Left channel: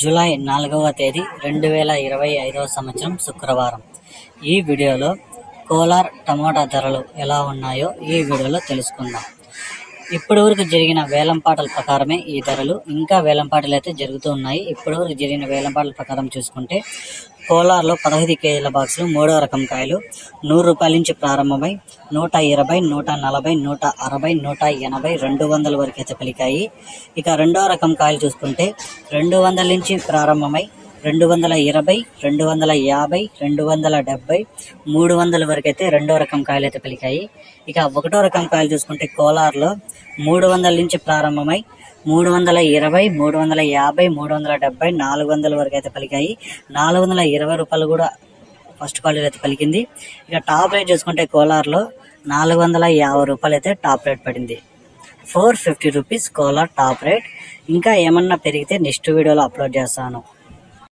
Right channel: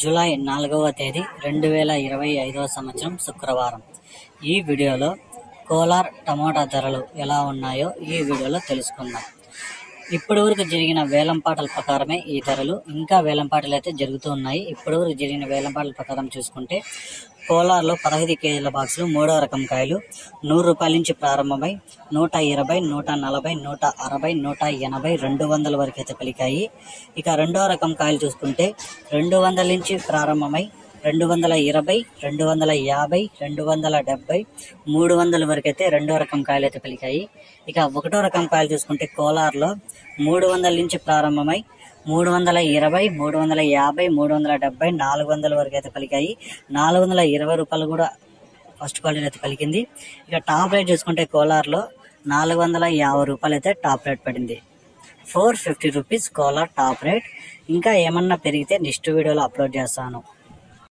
July 4వ తేదీ 2025వ సంవత్సరం శుక్రవారం. ఈ వీడియోలో కోలార్ టమోటా ధరలు ఎలా ఉన్నాయో ఈ వీడియోలో తెలుసుకుందాం. ఇప్పటి వరకు జరిగిన వేలంపాటల ప్రకారమే ఈ ధరలు, ఇంకా వేలంపాటలు అయితే జరుగుతూ ఉన్నాయి. ఇప్పటి వరకు జరిగిన వేలంపాటల ప్రకారం చూసుకుంటే కోలార్లో 15 కేజీల బాక్సులు 3వ రకం కాయలు ₹100 నుంచి ప్రారంభమై 120, 140, 160, 180, 200 వరకు అయితే పలికాయి. ఇక 2వ రకం కాయలు చూసుకుంటే 200 నుంచి ప్రారంభమై 220, 250, 270, 300 వరకు అయితే 2వ రకం కాయలు అయితే పలికాయి. ఇక 1వ రకం కాయలు చూసుకుంటే కోలార్లో 300 నుంచి ప్రారంభమై 320, 350, 370, 400 వరకు అయితే పలికాయి. ₹420 కూడా ఫస్ట్ క్వాలిటీ అయితే పలికింది. ఇక టాప్ రేట్ చూసుకుంటే కోలార్లో ₹450 అయితే టాప్ రేట్ పడింది. ₹450 కోలార్ టాప్ రేట్. ఇంకా ఏమన్నా పెరిగితే నెక్స్ట్ వీడియోలో అప్లోడ్ చేస్తాను.